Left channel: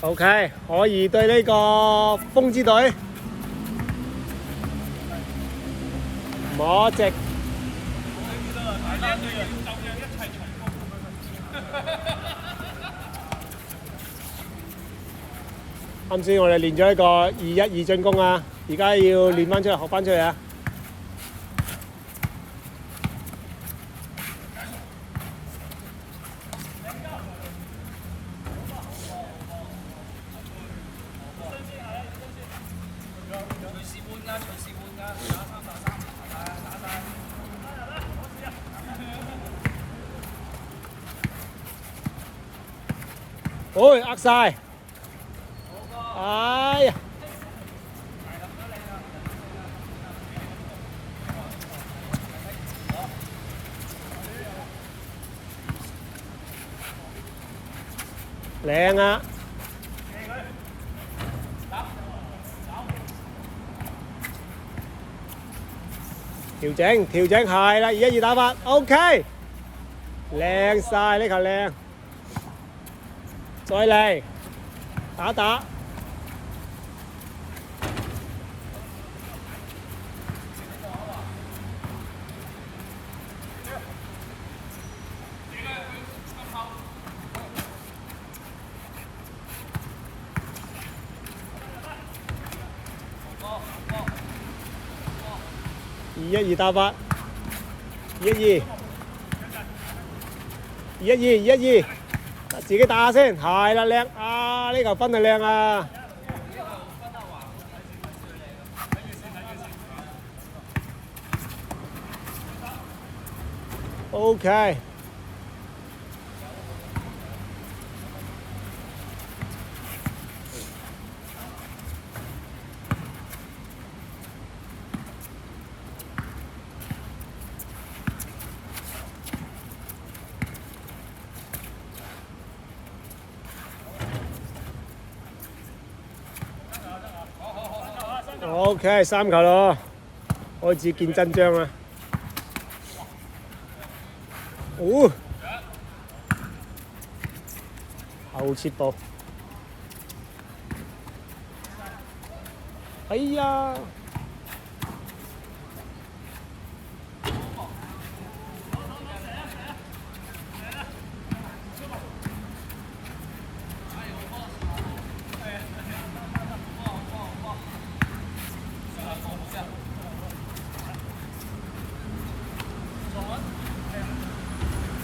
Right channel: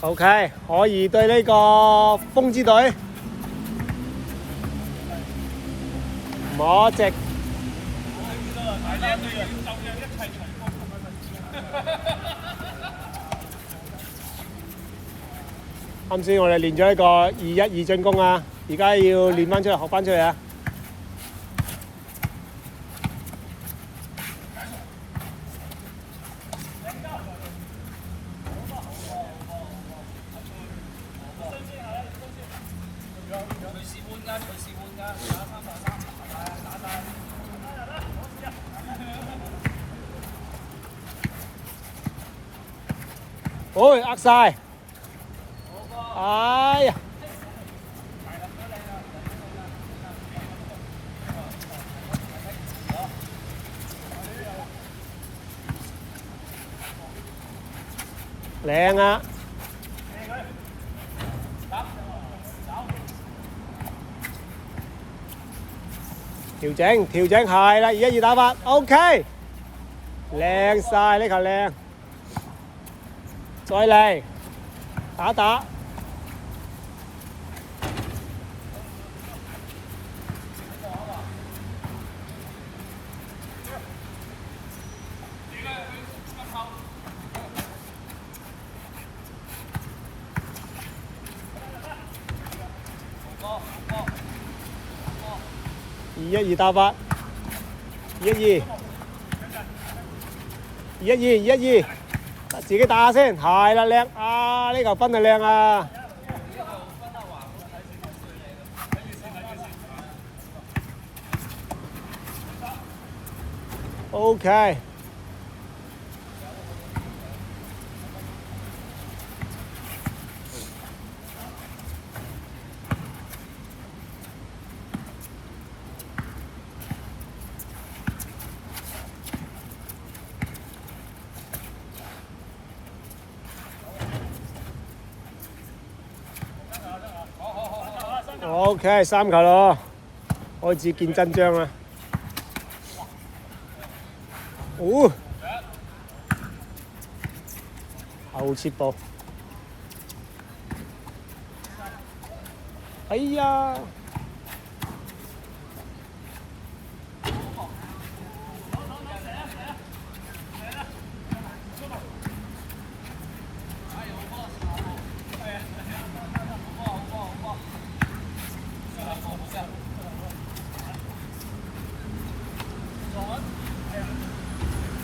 OK，可以對呢個風之隊摸直。啱先我哋練咗一個2-1-2進攻啊，而家要練翻出嚟，學翻出嚟啊！喂，呃晒！哎呀！靚啊！調整係啦，2-1-2打法 ，OK， 靚晒呢球靚，再嚟打。2-1-2打法，2-1-2，自己打下先，係啦靚啊！呢球分係靚啊！OK。OK， 3球咯，開始見真章啦！哦，後切步，哎呀！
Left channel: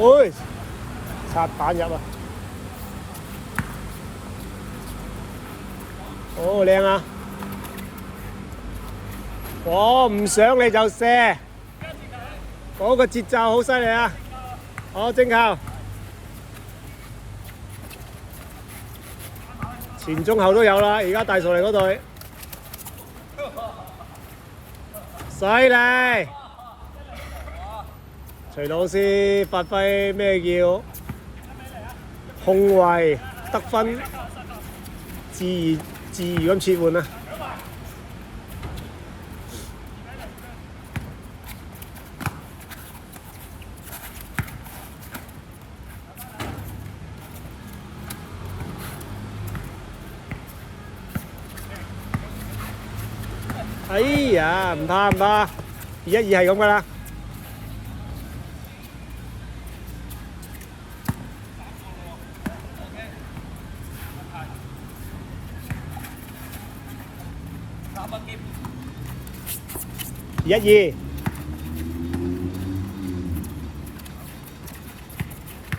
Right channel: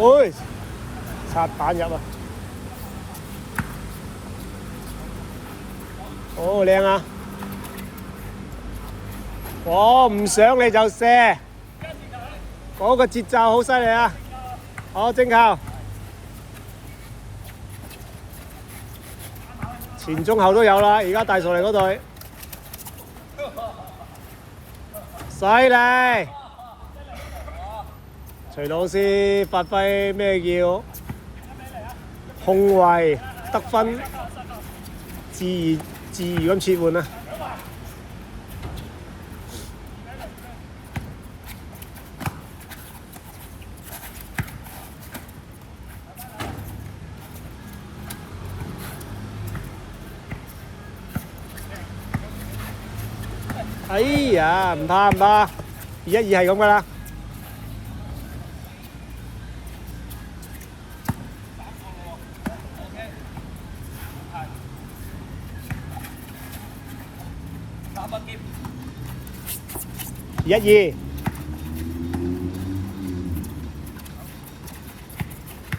喂，擦板入啊！好靚啊！我唔想你就射，嗰個節奏好犀利啊！好正球，前中後都有啦，而家大傻嚟嗰隊，犀利！徐老師發揮咩叫控衞得分，自如咁切換啊！哎呀，唔怕，2-1-2係咁噶啦。2-1-2，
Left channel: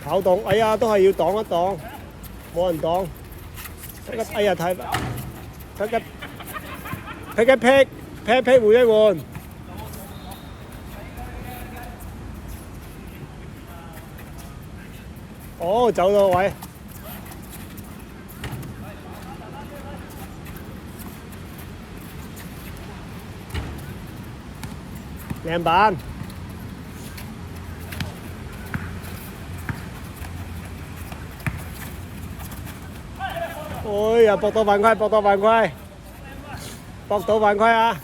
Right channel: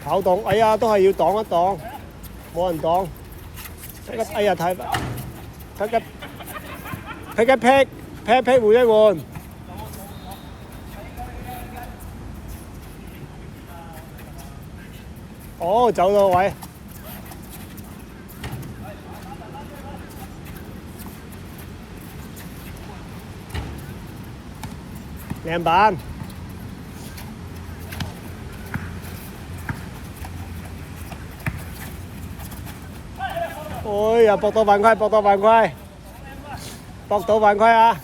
跑動，哎呀，都係要擋一擋，冇人擋。哎呀，睇劈換一換。哦，走咗位。靚板，哎呀，搏到犯規，搏到犯規啊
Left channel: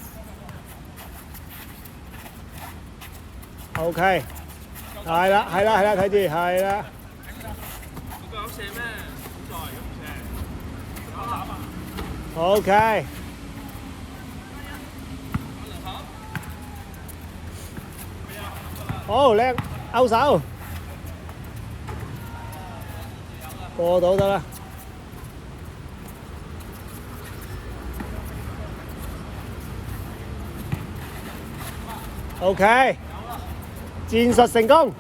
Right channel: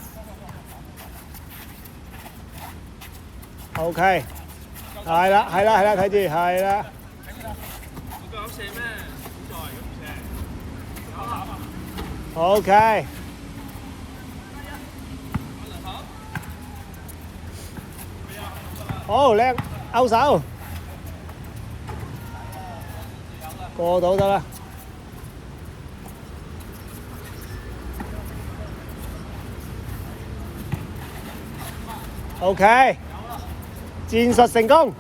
！OK， 係啦，睇住，係啦。OK。好靚，勾手，過到得啦。OK， 戰術成功。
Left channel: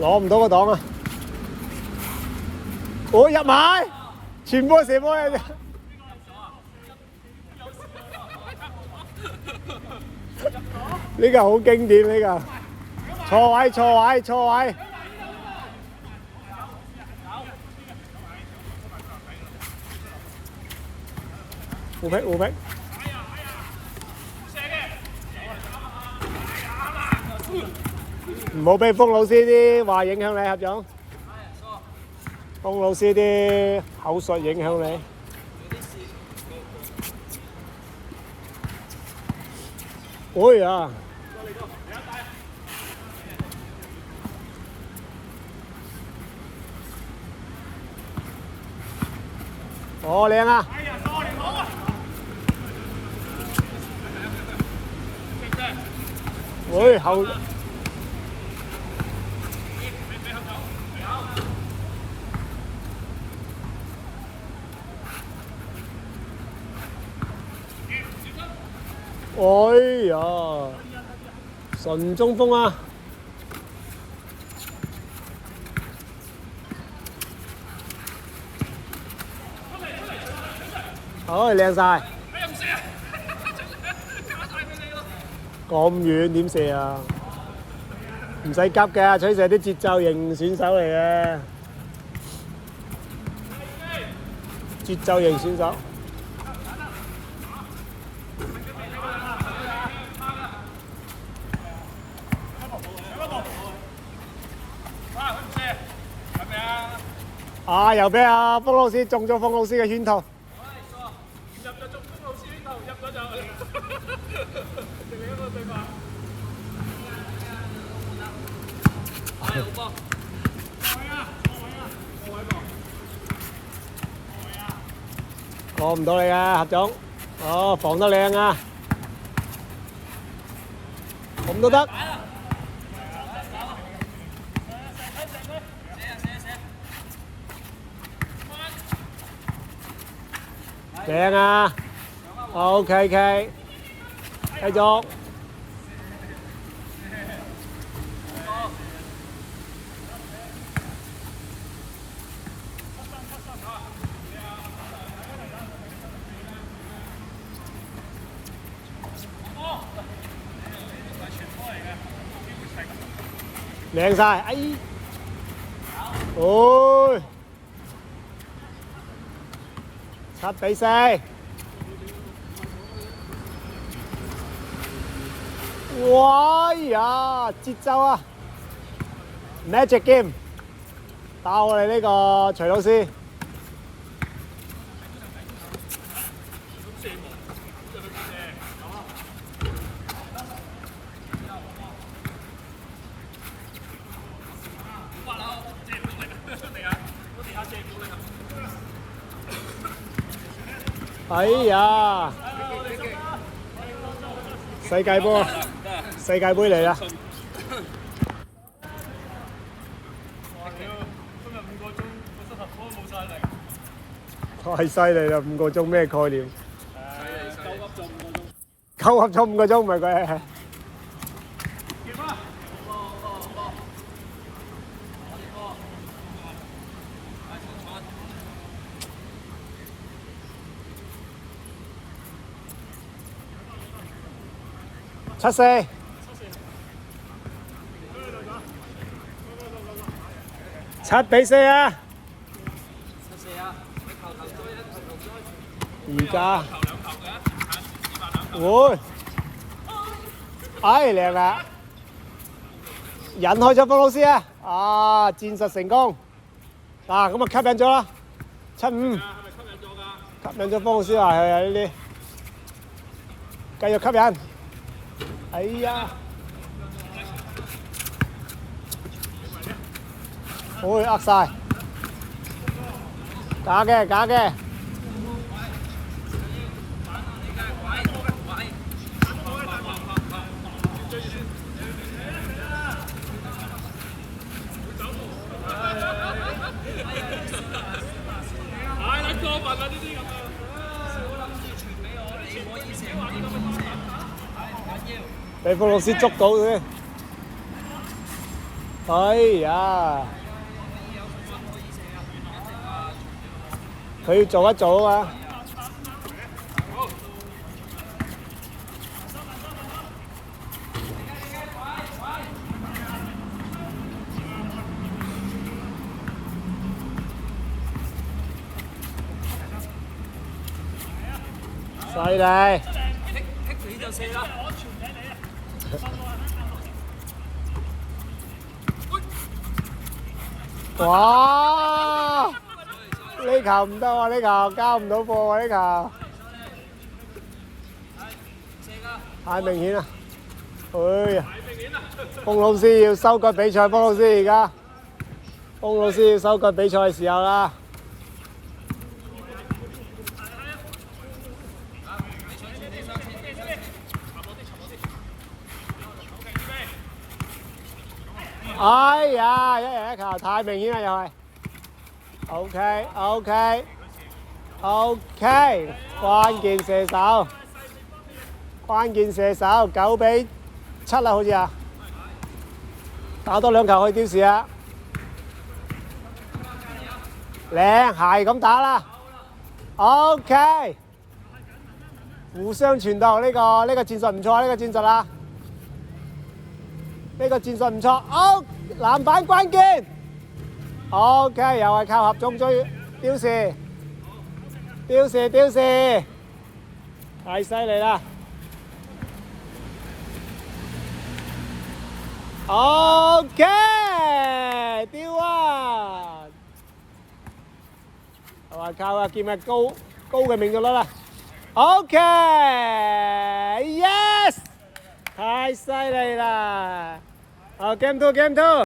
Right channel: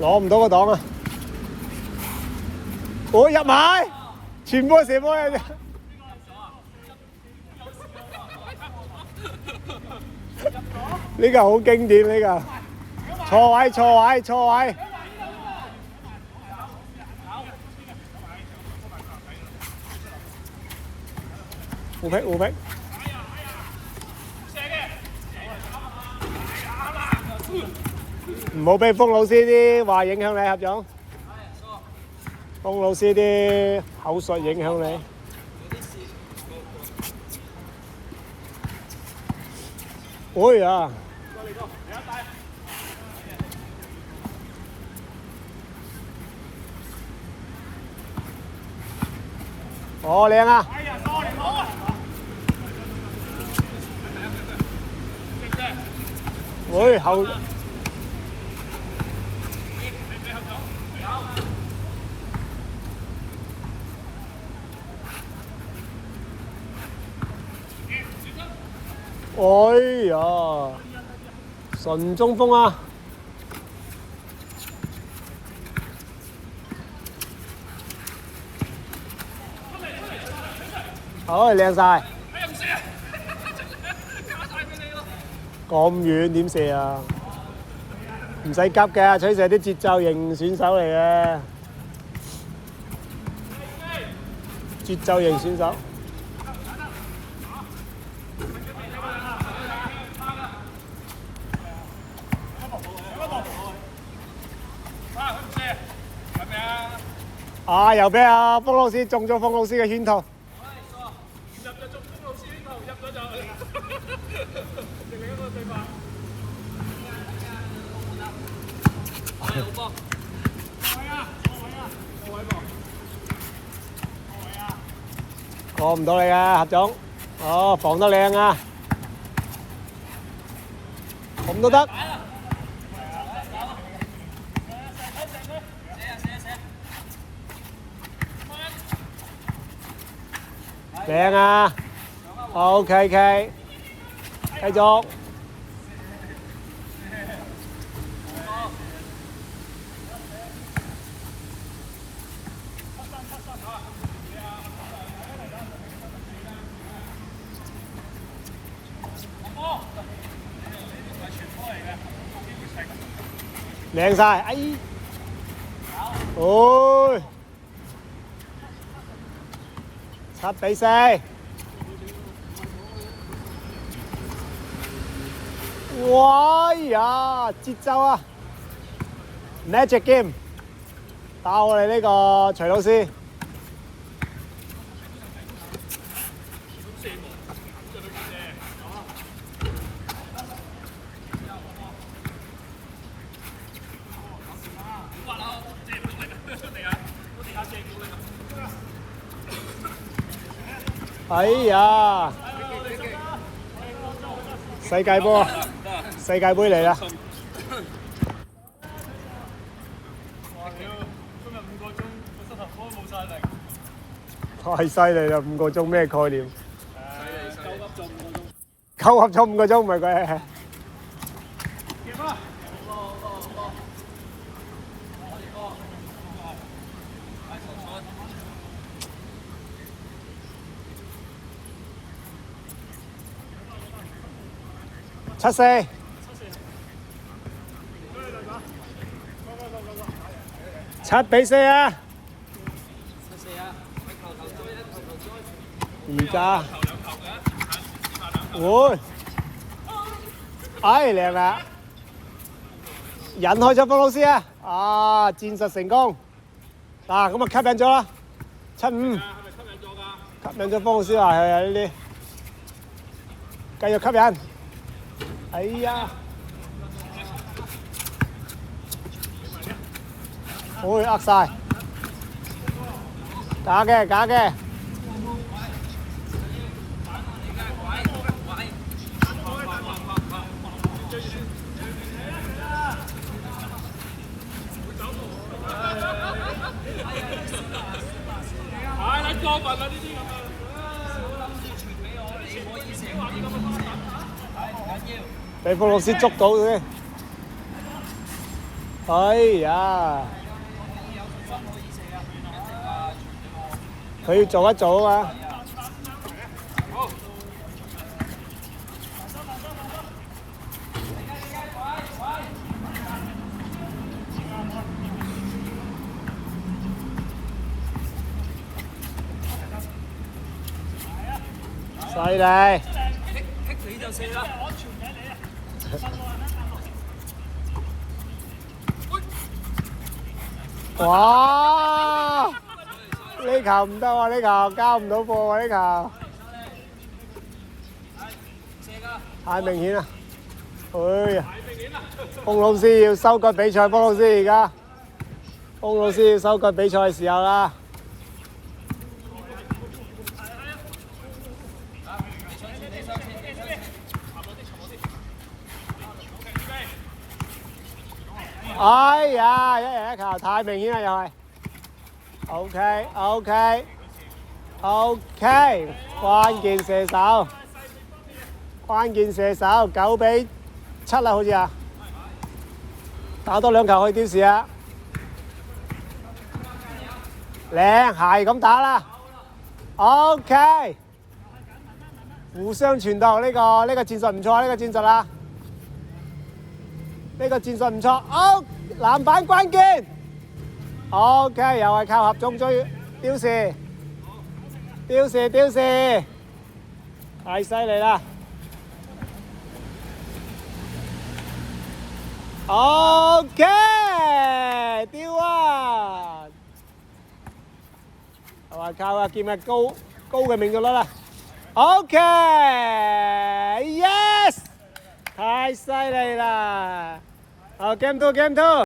攞唔到個檔啊！我入埋，全部係射波嚟。呢個好經典，呢個錯位錯位錯位。互劈互劈。唔好俾封老師啲話影響你，合總。封老師啲口述影響你。哎呀！哦，靚啊！喂，後。哎呀，純中鋒啊！好，靚晒。咁遠點射啊？唔使急嘅，取射啲節奏型選手嚟嘅。節奏型選手。啊！又俾阿封老師中咗封老師嘅圈套。入咗中封老師圈套，入咗就。過唔到你啊，合總。哦，防得靚啊！咁都得。靚啊 ！OK OK， 繼續。靚晒，哎！哦，7-4。哇呀，節奏啊 ！Magic Game， 打我哋呢個徐老師。哎呀！世界波，世界盃嚟啦！哇！屌，今日5個鐘個膝頭哥冇晒力。太犀利啦！5個鐘咩概念？9噏咗5個鐘，唔係佢。7-4。7-4啊！唔加。會。哎，靚啊！引開咗方老師啊！啊，戰術成功。嗱，咁啊吸引咗啦。7-5。吸引咗方老師啊，係啊呢啲。繼續吸引。哎呀！會呃晒，假嘅假嘅。俾福老師捉到佢。哎呀！佢要做一做啊！犀利！你就射啦！哇！呢球唔得喎，呢球交唔到貨喎，呢球太明顯啦！哎呀，風老師要收割比賽，風老師而家，風老師要收割比賽嘅時候啦。哎呀，一人一球太明顯啦，又係。OK，關鍵射手，9-7啦，好似啊，打多2球去丟時啊，靚係咁打啦。OK，互相傳導呢個戰術唔錯，呢個戰術啊，呢個戰術唔錯。好，籃板關鍵。OK，又係靠合中追丟時，太犀利啦 ！OK， 丟啊！又係靠阿劍嘅高嘅命中率啦。OK，Yes， 太犀利啦！好 ，Game 2。